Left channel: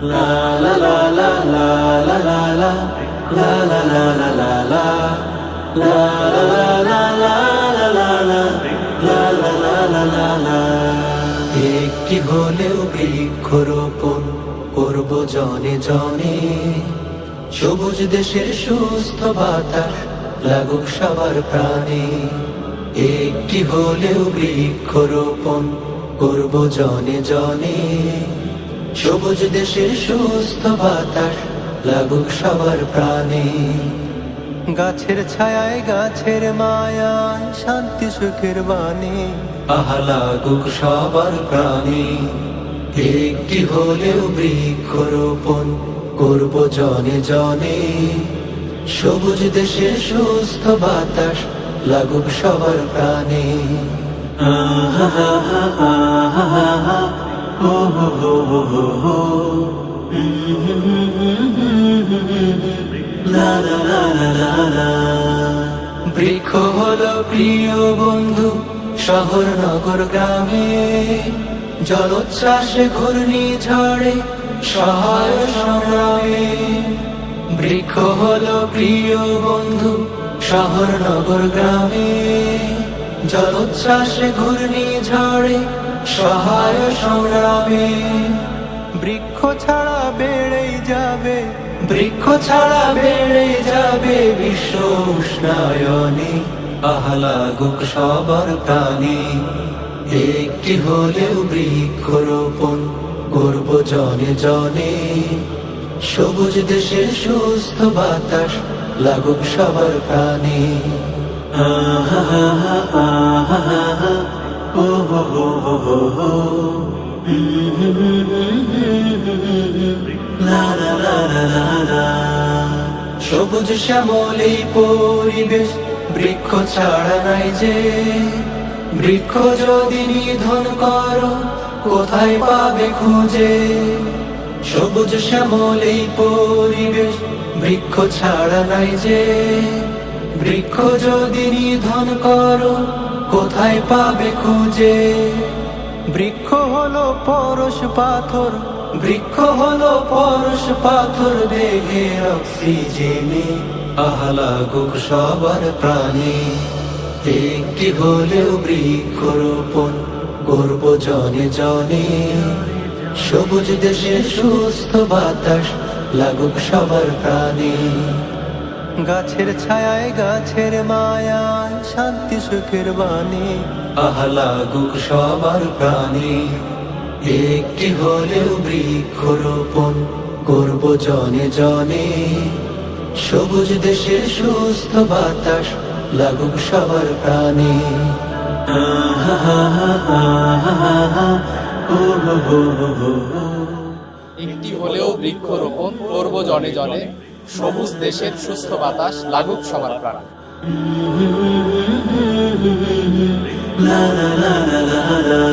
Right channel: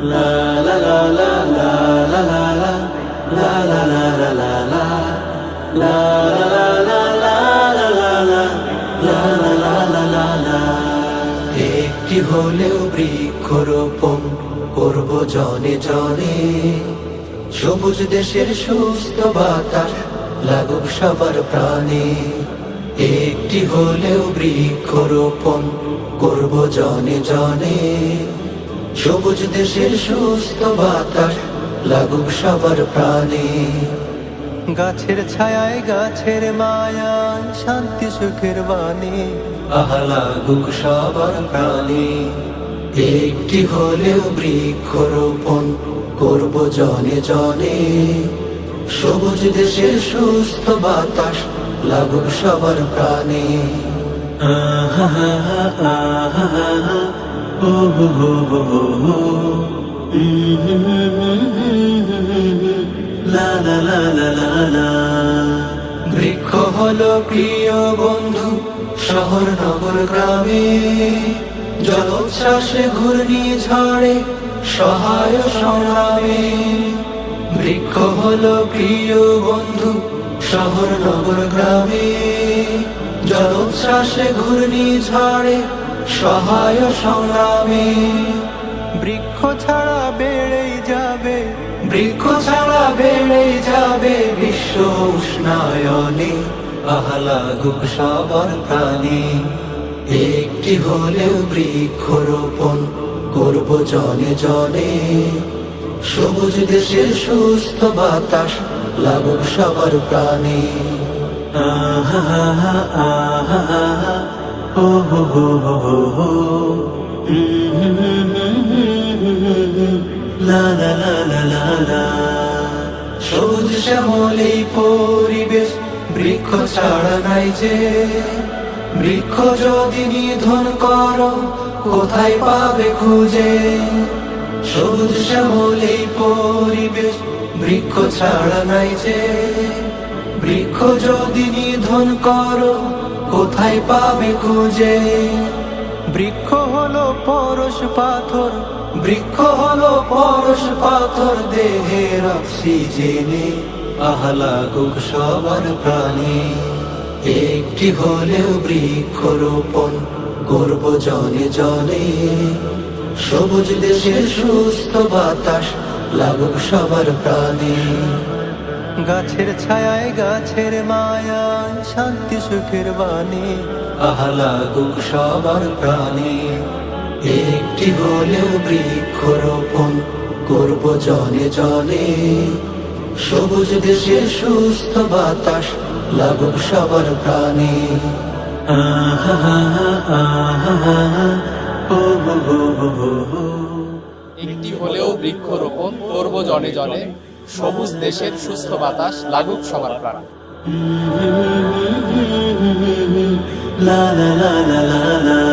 La la la la la la la la la la la la la la la la la la la। একটি হলেও বৃক্ষরোপণ করব জনে জনে, সবুজ দেশের সুস্থ বাতাস লাগুক সবার প্রাণে। একটি হলেও বৃক্ষরোপণ করব জনে জনে, সবুজ দেশের সুস্থ বাতাস লাগুক সবার প্রাণে। গাছের ছায়ায় গাছের মায়ায় শান্তি সুখের বাণী আহা লাগুক সবার প্রাণে। একটি হলেও বৃক্ষরোপণ করব জনে জনে, সবুজ দেশের সুস্থ বাতাস লাগুক সবার প্রাণে। আহা হা হা আহা হা হা ও হো হো হো হো হো। লা লা লা লা লা লা। বৃক্ষ হলো প্রিয় বন্ধু শহর নগর গ্রামে, জলোচ্ছ্বাসে ঘূর্ণিঝড়ে সহায় সংগ্রামে। বৃক্ষ হলো প্রিয় বন্ধু শহর নগর গ্রামে, জলোচ্ছ্বাসে ঘূর্ণিঝড়ে সহায় সংগ্রামে। বৃক্ষ ছাড়া বেড়েই যাবে, বৃক্ষ ছাড়া বেড়েই যাবে বিশ্ব উষ্ণায়নে আহা লাগুক সবার প্রাণে। একটি হলেও বৃক্ষরোপণ করব জনে জনে, সবুজ দেশের সুস্থ বাতাস লাগুক সবার প্রাণে। আহা হা হা আহা হা হা ও হো হো হো হো হো। লা লা লা লা লা লা। সবুজ শ্যামলী পরিবেশ বৃক্ষ ছাড়া নাই যে, বৃক্ষ যদি নিধন করো কোথায় পাবে খুঁজে। সবুজ শ্যামলী পরিবেশ বৃক্ষ ছাড়া নাই যে, বৃক্ষ যদি নিধন করো কোথায় পাবে খুঁজে। বৃক্ষ হলো পরশ পাথর, বৃক্ষ হলো পরশ পাথর দেহের অক্সিজেনে আহা লাগুক সবার প্রাণে। একটি হলেও বৃক্ষরোপণ করব জনে জনে, সবুজ দেশের সুস্থ বাতাস লাগুক সবার প্রাণে। গাছের ছায়ায় গাছের মায়ায় শান্তি সুখের বাণী আহা লাগুক সবার প্রাণে। একটি হলেও বৃক্ষরোপণ করব জনে জনে, সবুজ দেশের সুস্থ বাতাস লাগুক সবার প্রাণে। আহা হা হা আহা হা হা ও হো হো হো হো হো। একটি হলেও বৃক্ষরোপণ করব জনে জনে, সবুজ দেশের সুস্থ বাতাস লাগুক সবার প্রাণে। লা লা লা লা লা লা।